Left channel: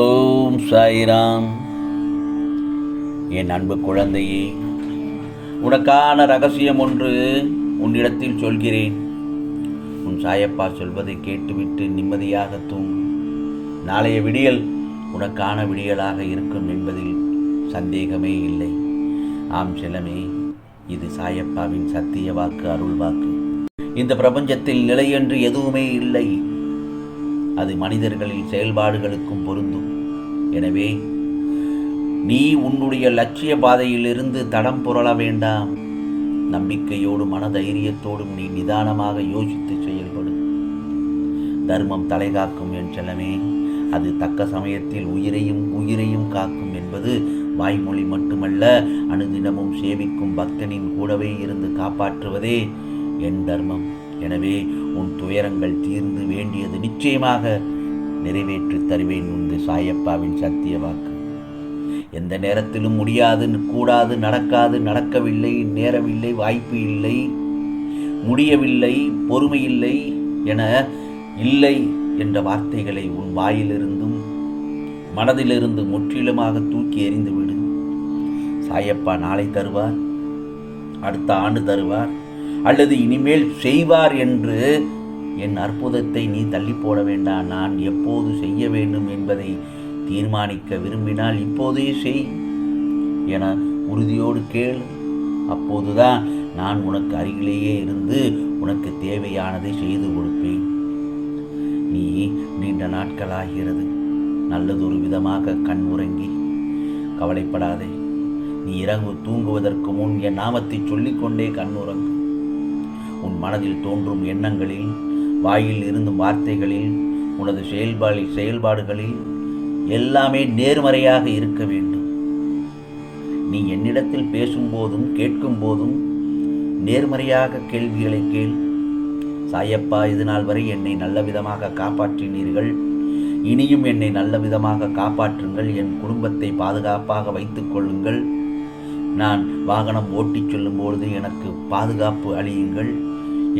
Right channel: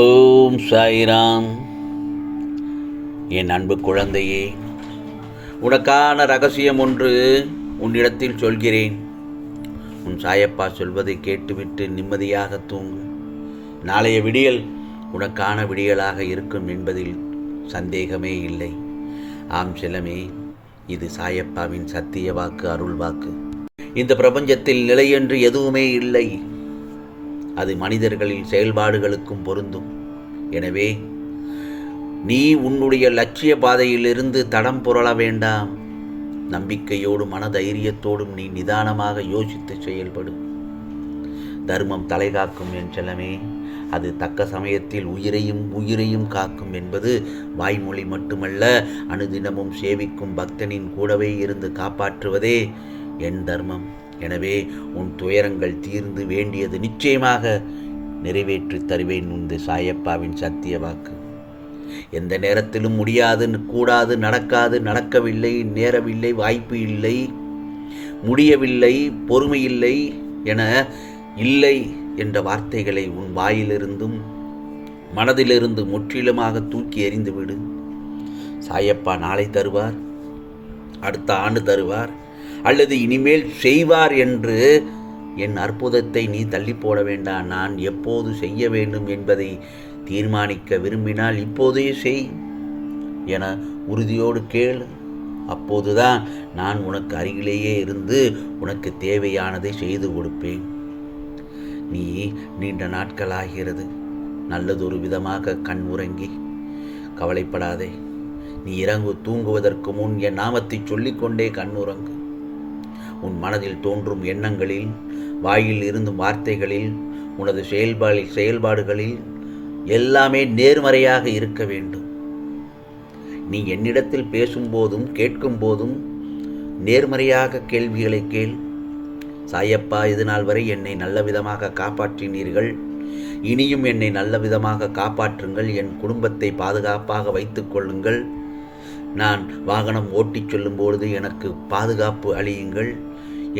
ஓம் சாய்ராம். என் அன்பு குழந்தையே, உனக்கான ரகசியம் ஒன்று உன்னிடத்தில் சொல்கிறேன். உன் சாயப்பா சொல்வதை கேட்டுவிட்டு நிம்மதியாக தூங்கு. நாளைய விடியல் உனக்கான விடியலாக இருக்கும் என்பதில் சந்தேகமே இல்லை. ஆம் செல்லமே, இது சாயப்பாவின் சத்திய வாக்கு, அருள் வாக்கு. இந்த பிரபஞ்சத்தில் நிலையென்று எதுவுமே இல்லை. அது மனிதர்களின் செயல்பாடுகளுக்கும் பொருந்தும். எனவே நீ உன்னுடைய லட்சிய பாதையிலிருந்து தடம் புரள வேண்டாம். நம்பிக்கையோடும் மனதைரியத்தோடும் நீ நிதானமாக யோசித்து செயல்படு. தர்மம் தலைகாக்கும் என் செல்லமே. அது தக்க சமயத்தில் உயிரையும் காக்கும் என்பது வாய்மொழி மட்டுமல்ல, அனுதினமும் சேவிக்கும் பக்தனின் கூடவே இருந்து காப்பாற்றுவதே என் தர்மம். எனவே உன் துயரங்கள் தீர்ந்து வேண்டியது நிச்சயமாக நிறைவேற்றி தருவேன். உந்து சாயப்பாவின் சத்திய வாக்கு. எந்த நேரத்திலும் முடியாது, கூடாது, நடக்காது, நடக்கவில்லை, நேரமில்லை, வாய்ப்பு இல்லை, முடியவில்லை, பொறுமையில்லை என இல்லை என்ற வார்த்தைகளை உன் வாயிலிருந்தும் மனதிலிருந்து முற்றிலுமாக தூக்கி எறிந்துவிடு. சாயப்பா நாளை தருவார், அடுத்த ஆண்டு தருவார், அல்லது இனிமேல் செய்வார் என்று என் அற்புதத்தை நீ தள்ளி போட வேண்டாம். நான் எப்போது செய்ய வேண்டும் என்பதை தீர்மானிக்க விரும்பினால் இப்போதே செய் என உறுதியோடு கேள். அப்போதுதான் நான் உனக்கு அருகிலேயே இருந்து உனக்கு தேவையானதை செய்து கொடுப்பேன். நீ நீண்ட நாட்களாகிறது நல்லதொரு விதமாக கண் உறங்கி கவலைப்படாதே. நீ தூங்குவதற்கு முன் என் நாமத்தை சொல்லிக்கொண்டே கண் உறங்கு. உன் மனதில் தோன்றும் எண்ணங்களில், வாயில் இருந்தும் வார்த்தைகளில், உனது செயல்பாடுகளில் எல்லாமே நேர்மறையாக இருக்க வேண்டும். நீ என்னிடத்தில் பேசும்போதும் கேட்கும் போதும் நேர்மறையாக கேள்விகளை கேள். சாயப்பா, இதுநாள் வரை என்னை நல்ல விதமாக காப்பாற்றினீர்கள், இனியும் என்னை நல்ல விதமாக காப்பாற்றுங்கள். என் குடும்பத்தை பாதுகாப்பாக வைத்துக் கொள்ளுங்கள். நான் வாகனம் ஓட்டிச் செல்லும்பொழுது எனக்கு பாதுகாப்பு அளியுங்கள்.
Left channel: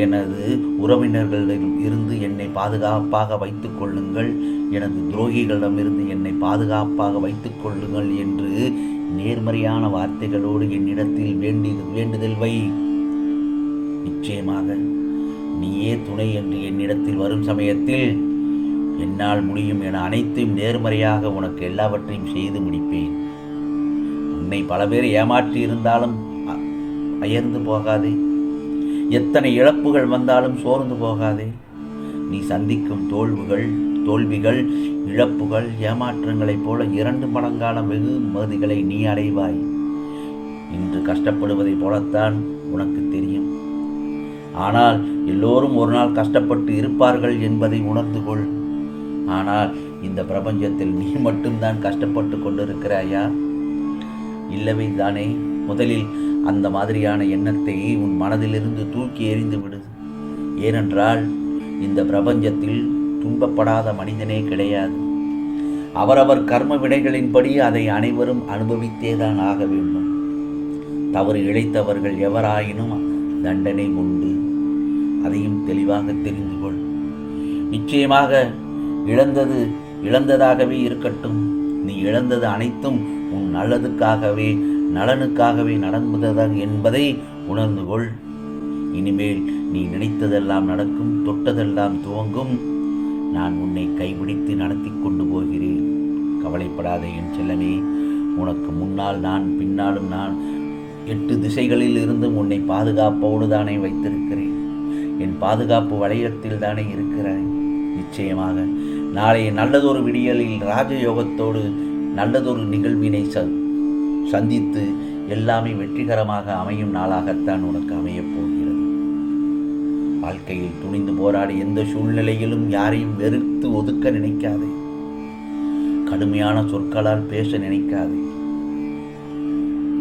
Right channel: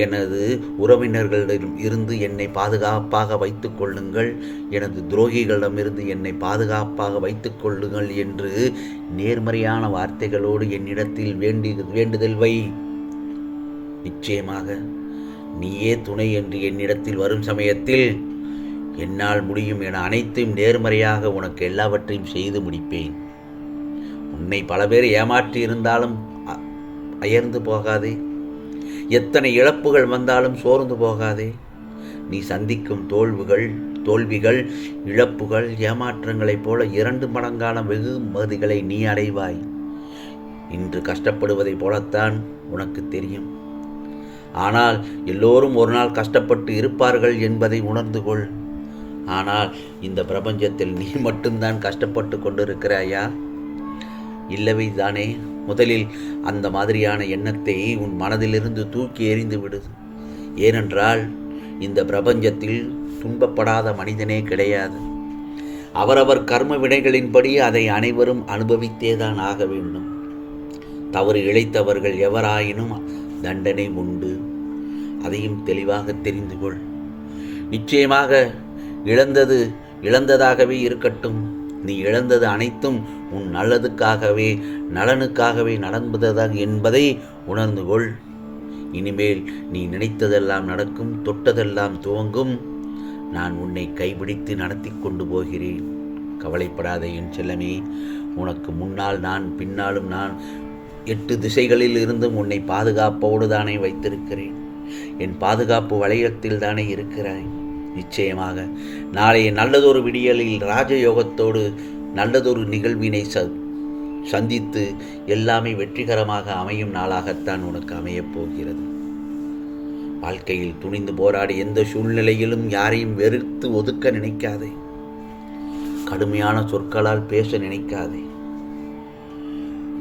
எனது உறவினர்களிடம் இருந்து என்னை பாதுகாப்பாக வைத்துக் கொள்ளுங்கள். எனது துரோகிகளிடமிருந்து என்னை பாதுகாப்பாக வைத்துக் கொள்ளுங்கள் என்று நேர்மறையான வார்த்தைகளோடு என்னிடத்தில் வேண்டுதல் வை. நிச்சயமாக நீயே துணை என்று என்னிடத்தில் வரும் சமயத்தில் என்னால் முடியும் என அனைத்தும் நேர்மறையாக உனக்கு எல்லாவற்றையும் செய்து முடிப்பேன். உன்னை பல பேர் ஏமாற்றி இருந்தாலும் அயர்ந்து போகாதே. எத்தனை இழப்புகள் வந்தாலும் சோர்ந்து போகாதே. நீ சந்திக்கும் தோல்விகள், இழப்புகள், ஏமாற்றங்களைப் போல 2 மடங்கான வெகுமதிகளை நீ அடைவாய். இன்று கஷ்டப்படுவதைப் போலத்தான் உனக்கு தெரியும். ஆனால் எல்லோரும் ஒரு நாள் கஷ்டப்பட்டு இருப்பார்கள் என்பதை உணர்ந்து கொள். ஆனால் இந்த பிரபஞ்சத்தில் நீ மட்டும்தான் கஷ்டப்பட்டு கொண்டிருக்கிறாயா? இல்லவே தானே? முதலில் அந்த மாதிரியான எண்ணத்தை உன் மனதிலிருந்து தூக்கி எறிந்து விடு. ஏனென்றால் இந்த பிரபஞ்சத்தில் துன்பப்படாத மனிதனே கிடையாது. அவரவர் கர்ம வினைகளின்படி அதை அனைவரும் அனுபவித்தேதான் ஆக வேண்டும். தவறு இழைத்தவர்கள் எவராயினும் தண்டனை உண்டு. அதையும் தெளிவாக தெரிந்து கொள். நிச்சயமாக இழந்தது இழந்ததாகவே இருக்கட்டும். நீ இழந்தது அனைத்தும் உன் நல்லதுக்காகவே, நலனுக்காகவே நடந்ததாக என்பதை உணர்ந்து கொள். இனிமேல் நீ நினைத்ததெல்லாம் நடக்கும், தொட்டதெல்லாம் துவங்கும். நான் உன்னை கைபிடித்து நடத்தி கொண்டு போகிறேன். கவலைப்படாதே என் செல்லமே. உனக்கு முன்னால் நான், பின்னாலும் நான், 8 திசைகளில் இருந்தும் உன்னை பாதுகாப்போடு தானே வைத்திருக்கிறேன். என் பாதுகாப்பு வளையத்தில் தானே இருக்கிறாய். நிச்சயமாக நாளைய நல்லதொரு விடியலில் ராஜயோகத்தோடு நல்லதொரு நிகழ்வினை சந்தித்து எல்லாமே வெற்றிகரமாக அமையும் நாளாகத்தான் உனக்கு அமையப் போகிறது. வாழ்க்கையில் துணிந்து போராடி எந்த சூழ்நிலையிலும் யாரையும் வெறுத்து ஒதுக்க நினைக்காதே. கடுமையான சொற்களால் பேச நினைக்காதே.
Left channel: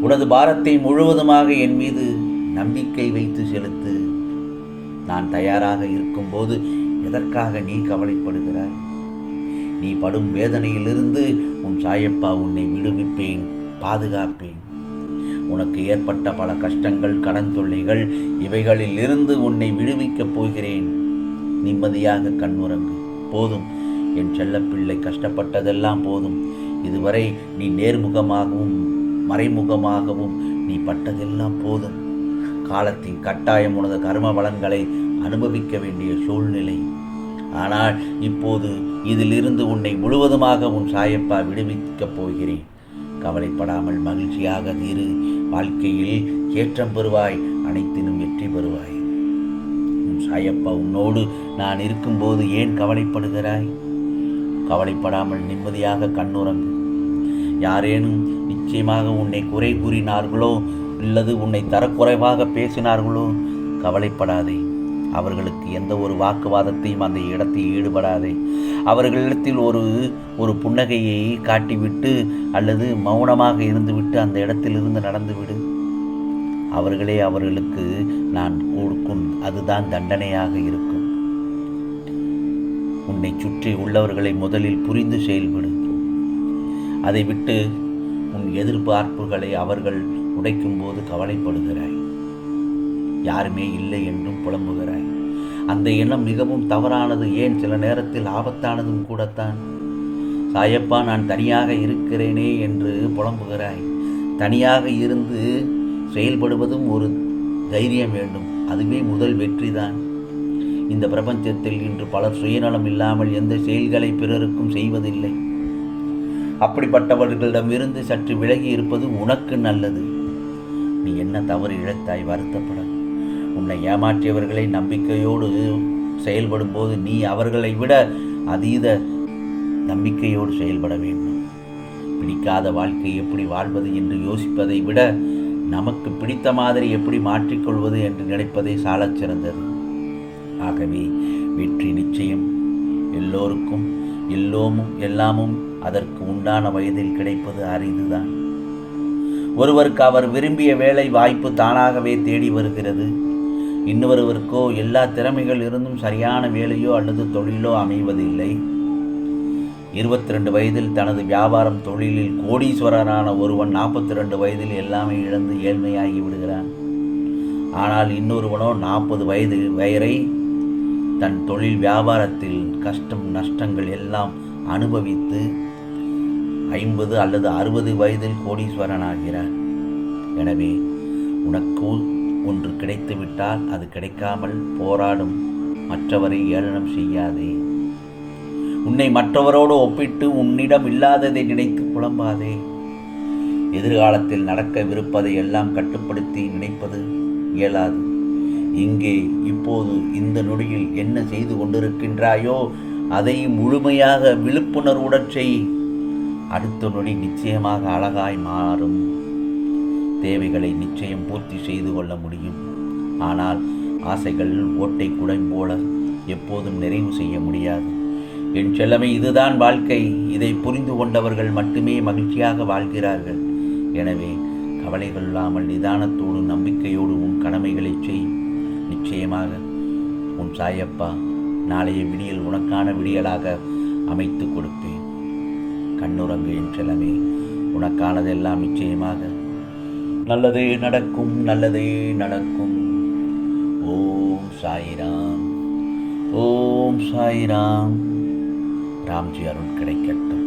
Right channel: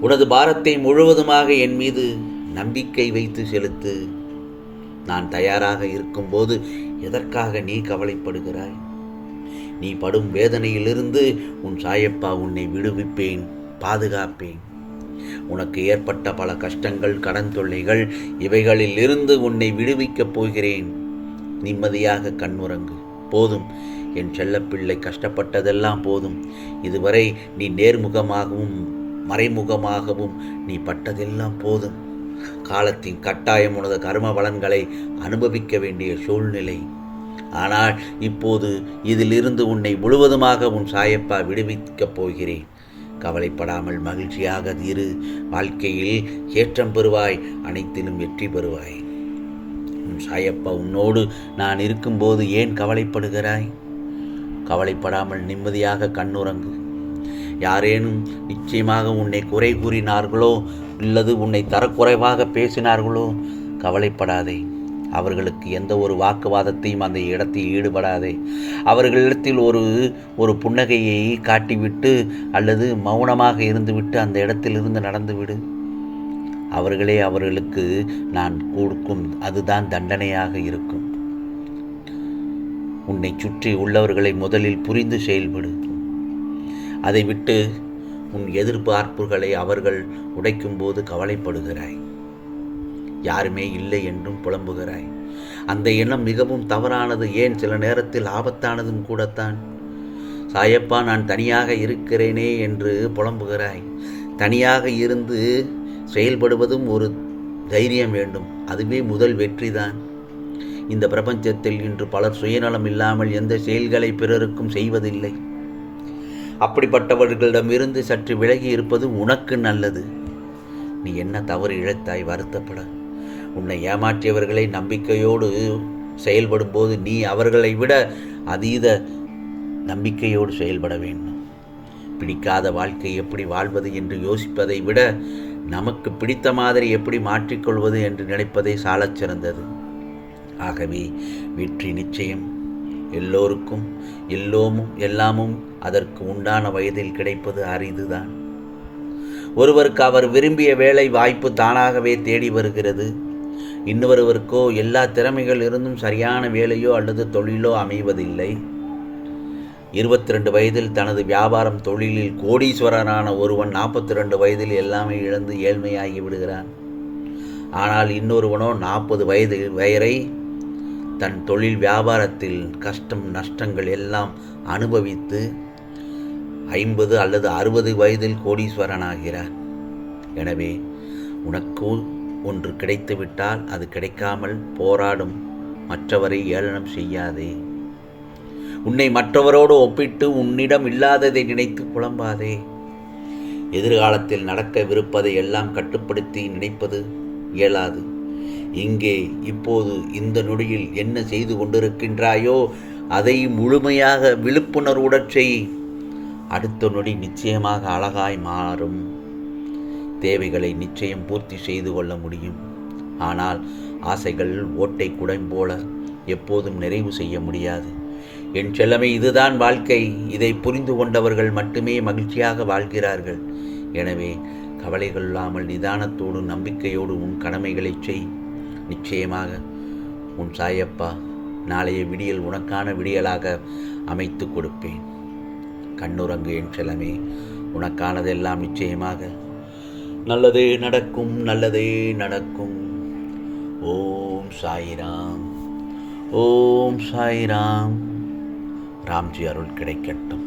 உனது பாரத்தை முழுவதுமாக என் மீது நம்பிக்கை வைத்து செலுத்து. நான் தயாராக இருக்கும்போது எதற்காக நீ கவலைப்படுகிறாய்? நீ படும் வேதனையிலிருந்து உன் சாயப்பா உன்னை விடுவிப்பேன், பாதுகாப்பேன். உனக்கு ஏற்பட்ட பல கஷ்டங்கள், கடன் தொல்லைகள், இவைகளில் இருந்து உன்னை விடுவிக்கப் போகிறேன். நிம்மதியாக கண்ணுறங்கு. போதும், என் செல்லப்பிள்ளை கஷ்டப்பட்டதெல்லாம் போதும். இதுவரை நீ நேர்முகமாகவும் மறைமுகமாகவும் நீ பட்டதெல்லாம் போதும். காலத்தின் கட்டாயம் உனது கர்ம பலன்களை அனுபவிக்க வேண்டிய சூழ்நிலை. ஆனால் இப்போது இதிலிருந்து உன்னை முழுவதுமாக உன் சாயப்பா விடுவிக்கப் போகிறேன். கவலைப்படாமல் மகிழ்ச்சியாக இரு. வாழ்க்கையில் ஏற்றம் பெறுவாய், அனைத்திலும் வெற்றி பெறுவாய். உன் சாயப்பா உன்னோடு நான் இருக்கும்போது ஏன் கவலைப்படுகிறாய்? கவலைப்படாமல் நிம்மதியாக கண்ணுறங்கு. யாரேனும் நிச்சயமாக உன்னை குறை கூறினார்களோ அல்லது உன்னை தரக்குறைவாக பேசினார்களோ கவலைப்படாதே. அவர்களுக்கு எந்த ஒரு வாக்குவாதத்தையும் அந்த இடத்தில் ஈடுபடாதே. அவர்களிடத்தில் ஒரு புன்னகையை காட்டிவிட்டு அல்லது மௌனமாக இருந்துவிட்டு அந்த இடத்திலிருந்து நடந்துவிடு. அவர்களுக்கு நான் கொடுக்கும் அதுதான் தண்டனையாக இருக்கும். உன்னை சுற்றி உள்ளவர்களை முதலில் புரிந்து செயல்படு. அதை விட்டு உன் எதிர்பார்ப்புகளை அவர்கள் உடைக்கும் போது கவலைப்படுகிறாய். யாருமே இல்லை என்றும் புலம்புகிறாய். அந்த எண்ணம் மிகவும் தவறானது. ஏன் சில நேரத்தில் ஆபத்தானதும் கூடத்தான். சாயப்பா நான் தனியாக இருக்கிறேனே என்று புலம்புகிறாய். தனியாக இருந்து செயல்படுவதும் ஒரு தைரியம் வேண்டும். அதுவே முதல் வெற்றிதான். இந்த பிரபஞ்சத்தில் இன்று பலர் சுயநலம் இல்லாமல் எந்த செயல்களை பிறருக்கும் செய்வதில்லை. அப்படிப்பட்டவர்களிடமிருந்து சற்று விலகி இருப்பது உனக்கு நல்லது. நீ என்ன தவறு இழைத்தாய்? வருத்தப்பட. உன்னை ஏமாற்றியவர்களை நம்பிக்கையோடு செயல்படும் போது நீ அவர்களை விட அதீத நம்பிக்கையோடு செயல்பட வேண்டும். பிடிக்காத வாழ்க்கை எப்படி வாழ்வது என்று யோசிப்பதை விட நமக்கு பிடித்த மாதிரி எப்படி மாற்றிக்கொள்வது என்று நினைப்பதை சாலச் சிறந்தது. ஆகவே வெற்றி நிச்சயம். எல்லோருக்கும் எல்லாமும் அதற்கு உண்டான வயதில் கிடைப்பது அரிதுதான். ஒருவருக்கு அவர் விரும்பிய வேலை வாய்ப்பு தானாகவே தேடி வருகிறது. இன்னொருவருக்கோ எல்லா திறமைகள் இருந்தும் சரியான வேலையோ அல்லது தொழிலோ அமைவதில்லை. 22 வயதில் தனது வியாபாரம் தொழிலில் கோடீஸ்வரரான ஒருவன் 42 வயதில் எல்லாமே இழந்து ஏழ்மையாகி விடுகிறான். ஆனால் இன்னொருவனோ 40 வயது வரை தன் தொழில் வியாபாரத்தில் கஷ்டம் நஷ்டங்கள் எல்லாம் அனுபவித்து 50 அல்லது 60 வயதில் கோடீஸ்வரனாகிறான். எனவே உனக்கு ஒன்று கிடைத்துவிட்டால் அது கிடைக்காமல் போராடும் மற்றவரை ஏளனம் செய்யாதே. உன்னை மற்றவரோடு ஒப்பிட்டு உன்னிடம் இல்லாததை நினைத்து புலம்பாதே. எதிர்காலத்தில் நடக்கவிருப்பதை எல்லாம் கட்டுப்படுத்தி நினைப்பது இயலாது. இங்கே இப்போது இந்த நொடியில் என்ன செய்து கொண்டிருக்கின்றாயோ அதை முழுமையாக விழிப்புணர்வுடன் செய். அடுத்த நொடி நிச்சயமாக அழகாய் மாறும். தேவைகளை நிச்சயம் பூர்த்தி செய்து கொள்ள முடியும். ஆனால் ஆசைகள் ஓட்டை குடம் போல எப்போதும் நிறைவு செய்ய முடியாது. என் செல்லமே, இதுதான் வாழ்க்கை. இதை புரிந்து கொண்டவர்கள் மட்டுமே மகிழ்ச்சியாக வாழ்கிறார்கள். எனவே கவலை கொள்ளாமல் நிதானத்தோடு நம்பிக்கையோடு உன் கடமைகளை செய். நிச்சயமாக உன் சாயப்பா நாளைய விடியல் உனக்கான விடியலாக அமைத்து கொடுப்பேன். கண்ணுறங்கு என் செல்லமே. உனக்கானதெல்லாம் நிச்சயமாக நல்லதே நடக்கும், நல்லதே நடக்கும். ஓம் சாய்ராம், ஓம் சாய்ராம். ராம்ஜி அருள் கிடைக்கட்டும்.